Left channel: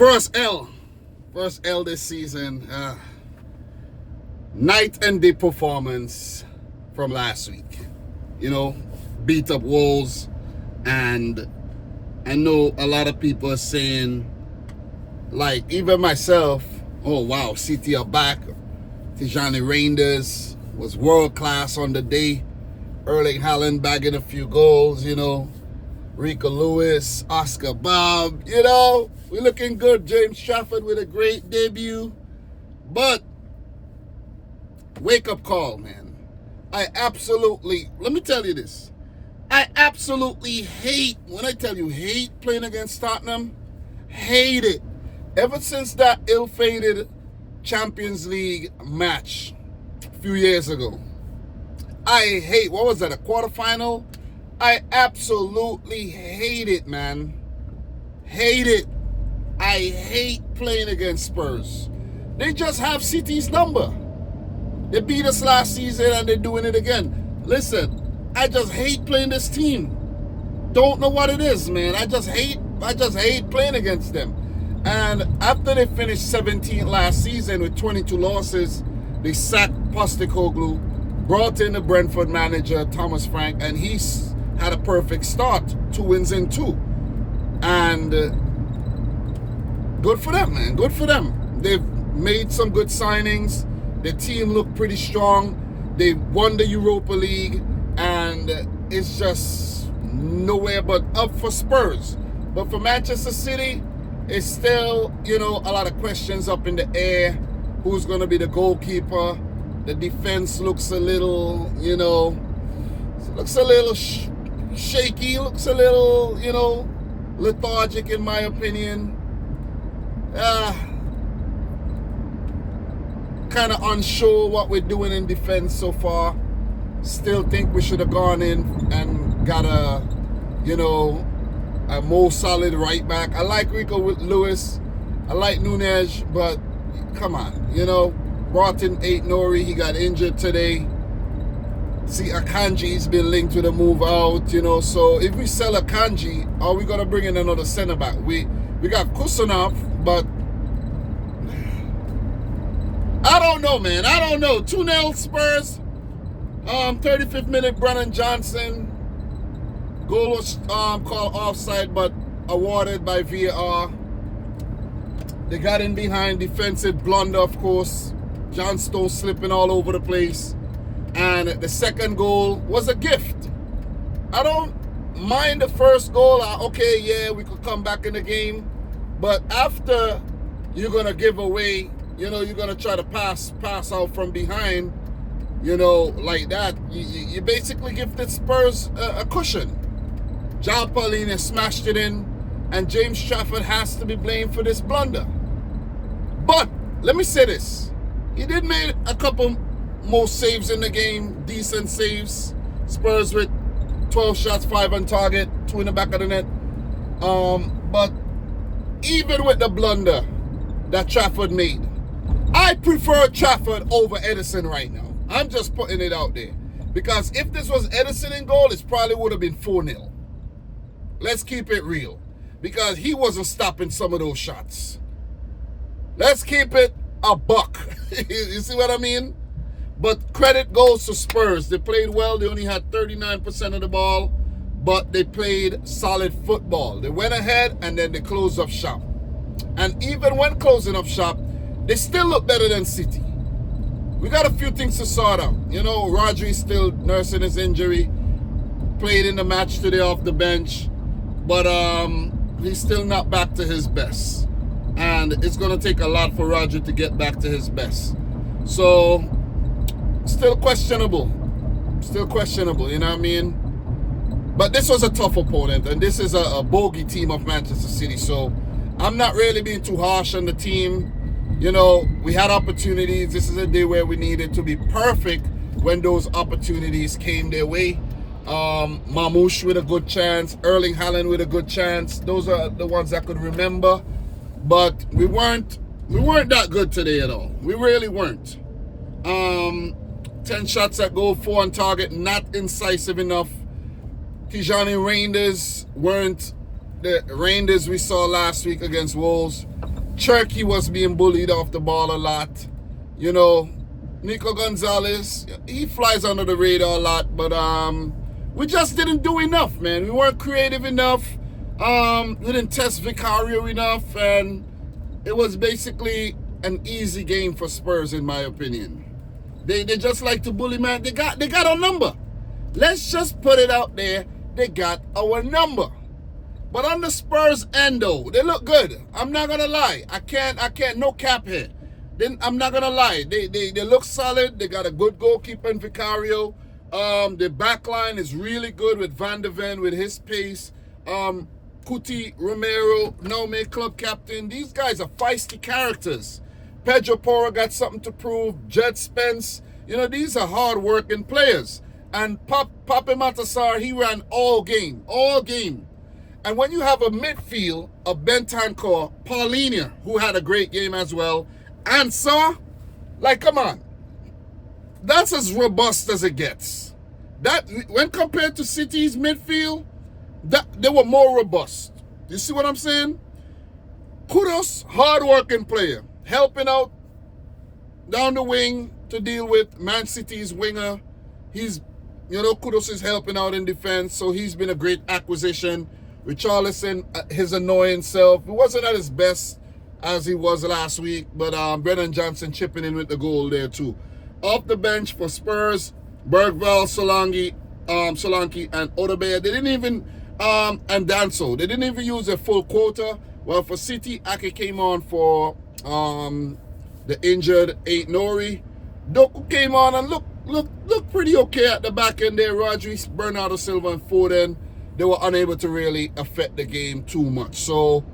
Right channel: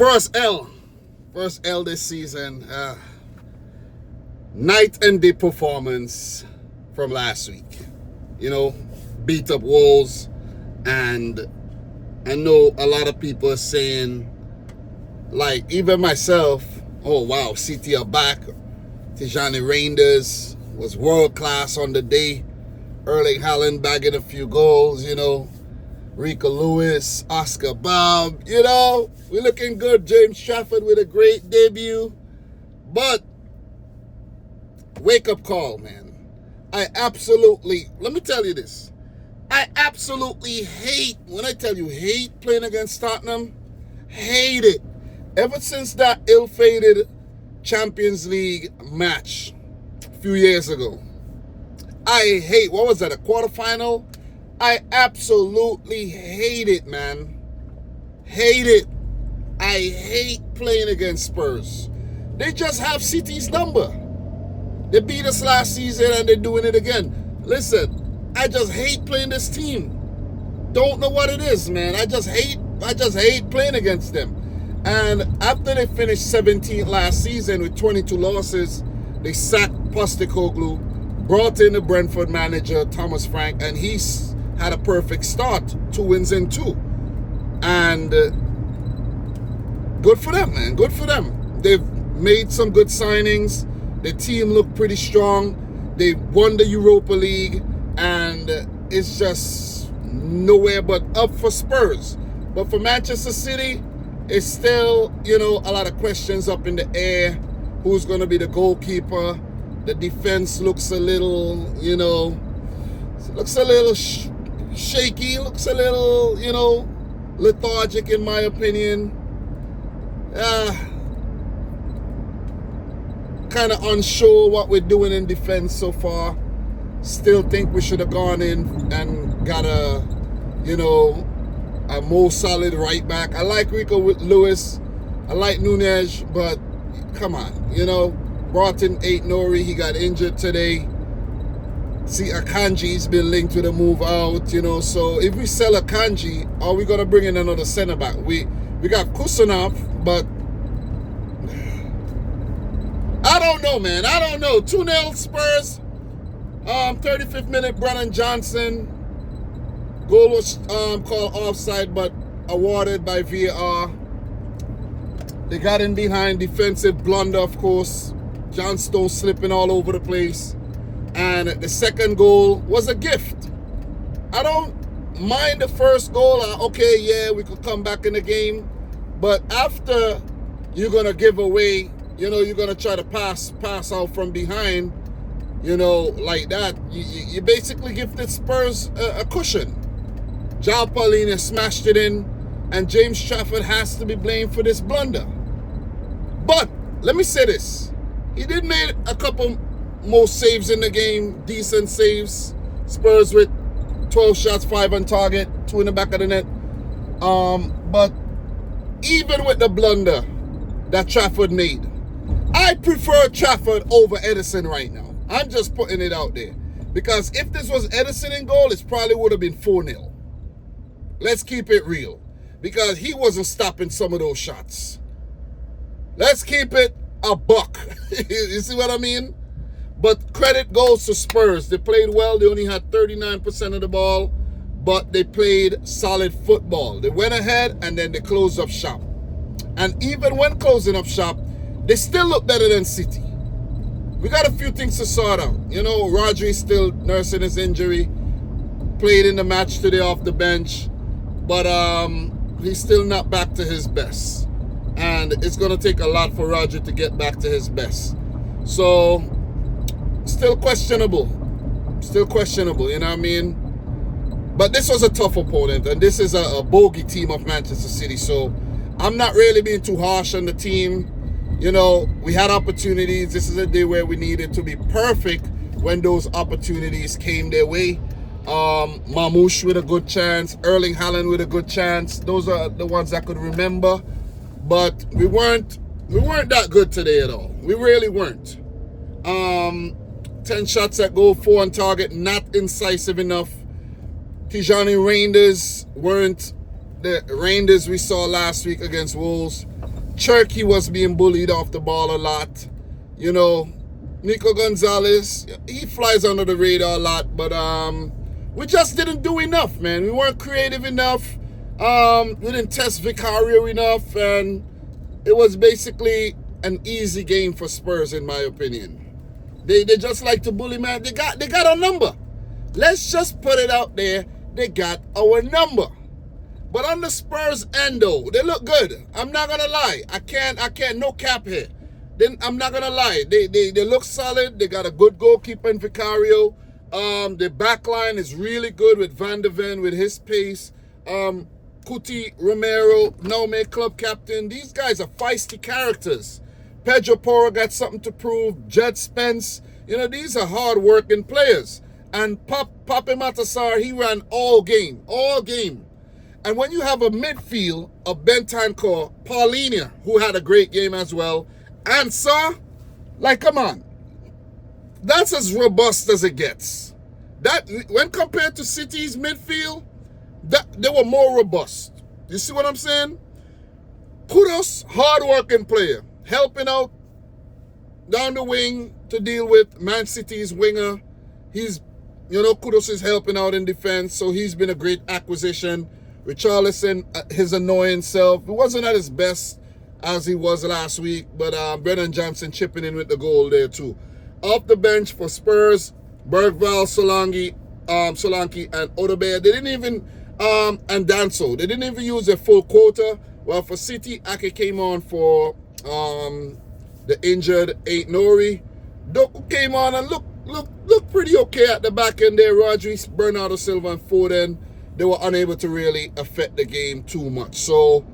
First L this season. Night and day performance from last week. Beat up Wolves, and I know a lot of people are saying, like even myself, oh wow, City are back. Tijani Reinders was world class on the day. Erling Haaland bagging a few goals, Rico Lewis, Oscar Bob, we're looking good. James Trafford with a great debut. But wake up call, man. Let me tell you this. I absolutely hate, when I tell you hate playing against Tottenham, hate it. Ever since that ill-fated Champions League match a few years ago, I hate, what was that, a quarterfinal? I absolutely hate it, man. Hate it. I hate playing against Spurs. They just have City's number. They beat us last season and they're doing it again. Listen, I just hate playing this team. Don't know what it is, man. I just hate playing against them. And after they finished 17th last season with 22 losses, they sacked Postecoglou, brought in the Brentford manager, Thomas Frank, and he's had a perfect start. 2 wins in 2. And good for them, man. Good for them. They've made some good signings. The team looked pretty strong. They won the Europa League, and it's just nowhere but up for Spurs. But for Manchester City, it's still, a lot of questions up in the air. Who's going to be the goalkeeper? The defense looks a little, shaky, looks a little, lethargic in my opinion. Kind of unsure what we're doing in defense so far. Still think we should have gone in and got a more solid right back. I like Rico Lewis. I like Nunez, but come on, brought in Nori. He got injured today. See, Akanji's been linked with a move out, so if we sell Akanji, are we going to bring in another center back? We got Kusanov, but I don't know, man. I don't know. 2-0 Spurs. 35th minute, Brennan Johnson. Goal was called offside, but awarded by VAR. They got in behind, defensive blunder, of course. John Stones slipping all over the place. And the second goal was a gift. I don't mind the first goal. Okay, yeah, we could come back in the game. But after you're going to give away, you're going to try to pass out from behind, like that. You basically give the Spurs a cushion. John Paulina smashed it in, and James Trafford has to be blamed for this blunder. But let me say this. He did make a couple more saves in the game, decent saves. Spurs with 12 shots, 5 on target, 2 in the back of the net. But even with the blunder that Trafford made, I prefer Trafford over Edison right now. I'm just putting it out there. Because if this was Edison in goal, it probably would have been 4-0. Let's keep it real. Because he wasn't stopping some of those shots. Let's keep it a buck. You see what I mean? But credit goes to Spurs. They played well. They only had 39% of the ball. But they played solid football. They went ahead and then they closed up shop. And even when closing up shop, they still look better than City. We got a few things to sort out. Rodri's still nursing his injury. Played in the match today off the bench. But he's still not back to his best. And it's going to take a lot for Rodri to get back to his best. So, still questionable. Still questionable, you know what I mean? But this was a tough opponent. And this is a bogey team of Manchester City. So, I'm not really being too harsh on the team. We had opportunities. This is a day where we needed to be perfect when those opportunities came their way. Mamouche with a good chance. Erling Haaland with a good chance. Those are the ones I could remember. But we weren't that good today at all. We really weren't. 10 shots at goal, 4 on target. Not incisive enough. Tijani Reinders weren't the Reinders we saw last week against Wolves. Cherky was being bullied off the ball a lot. You know, Nico Gonzalez, he flies under the radar a lot, but we just didn't do enough, man. We weren't creative enough. We didn't test Vicario enough, and it was basically an easy game for Spurs, in my opinion. They just like to bully, man. They got a number. Let's just put it out there. They got our number. But on the Spurs end, though, they look good. I'm not gonna lie. I can't. No cap here. Then I'm not gonna lie. They look solid. They got a good goalkeeper in Vicario. The back line is really good with Van de Ven with his pace. Cuti Romero, now made club captain. These guys are feisty characters. Pedro Porro got something to prove. Jed Spence, you know, these are hard-working players. And Pape Matasar, he ran all game. And when you have a midfield of Bentancur, Paulinia, who had a great game as well, and Sarr, like, come on. That's as robust as it gets. That, when compared to City's midfield, they were more robust. You see what I'm saying? Kudos, hard-working player. Helping out down the wing to deal with Man City's winger. He's, you know, Kudos is helping out in defense, so he's been a great acquisition. Richarlison, his annoying self, he wasn't at his best as he was last week, but Brennan Johnson chipping in with the goal there too. Off the bench for Spurs, Bergvall, Solanke, and Odegaard. They didn't even, and Danso, they didn't even use their full quota. Well, for City, Ake came on for the injured Ain't Nori. Doku came on and looked pretty okay at the back end there. Rodri, Bernardo Silva, and Foden, they were unable to really affect the game too much. So,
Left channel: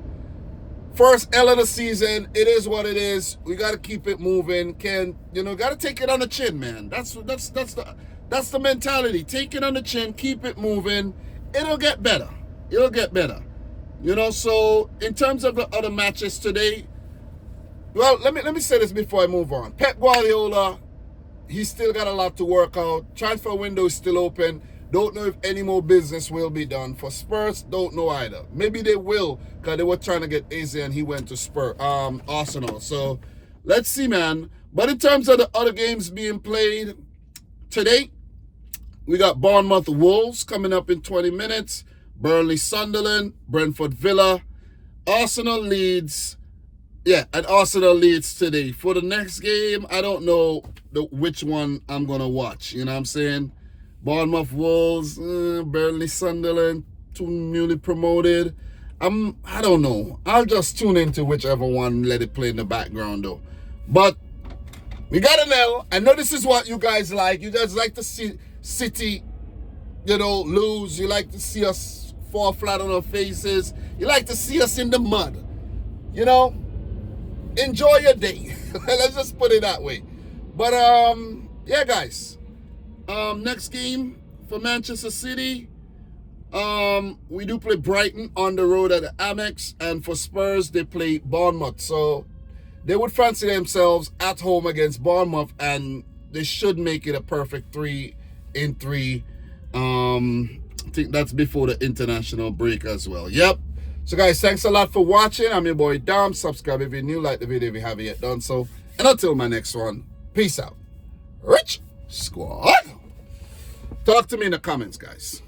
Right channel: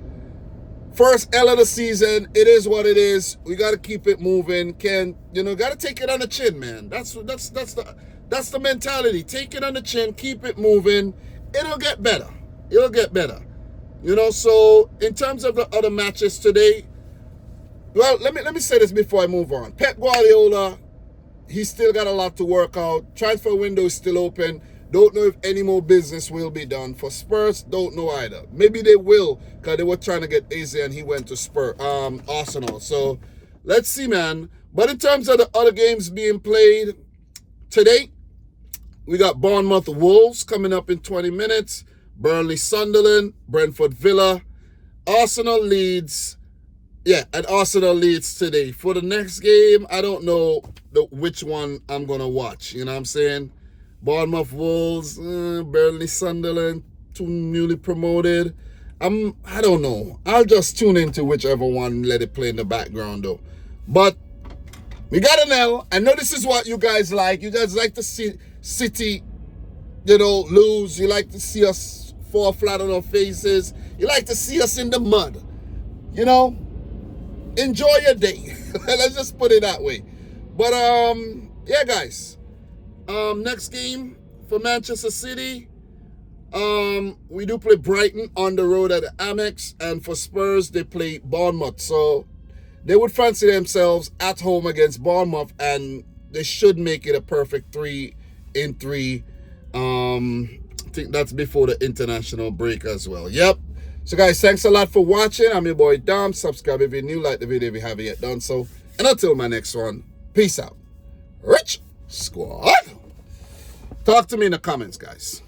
first L of the season, it is what it is. We got to keep it moving. Got to take it on the chin, man. That's the mentality. Take it on the chin, keep it moving. It'll get better. You know, so in terms of the other matches today, well, let me say this before I move on. Pep Guardiola, he's still got a lot to work out. Transfer window is still open. Don't know if any more business will be done. For Spurs, don't know either. Maybe they will, because they were trying to get Eze and he went to Arsenal. So let's see, man. But in terms of the other games being played today, we got Bournemouth Wolves coming up in 20 minutes. Burnley Sunderland, Brentford Villa, Arsenal Leeds. Yeah, and Arsenal Leeds today. For the next game, I don't know which one I'm going to watch. You know what I'm saying? Bournemouth Wolves, Burnley Sunderland, two newly promoted. I don't know. I'll just tune into whichever one and let it play in the background though. But we got an L. I know this is what you guys like. You guys like to see City, you know, lose. You like to see us fall flat on our faces. You like to see us in the mud. You know, enjoy your day. Let's just put it that way. But yeah, guys. Next game for Manchester City. We do play Brighton on the road at the Amex, and for Spurs they play Bournemouth. So they would fancy themselves at home against Bournemouth, and they should make it a perfect 3-3. I think that's before the international break as well. Yep. So guys, thanks a lot for watching. I'm your boy Dom. Subscribe if you're new, like the video if you haven't yet done so. And until my next one, peace out. Rich Squad. Talk to me in the comments, guys.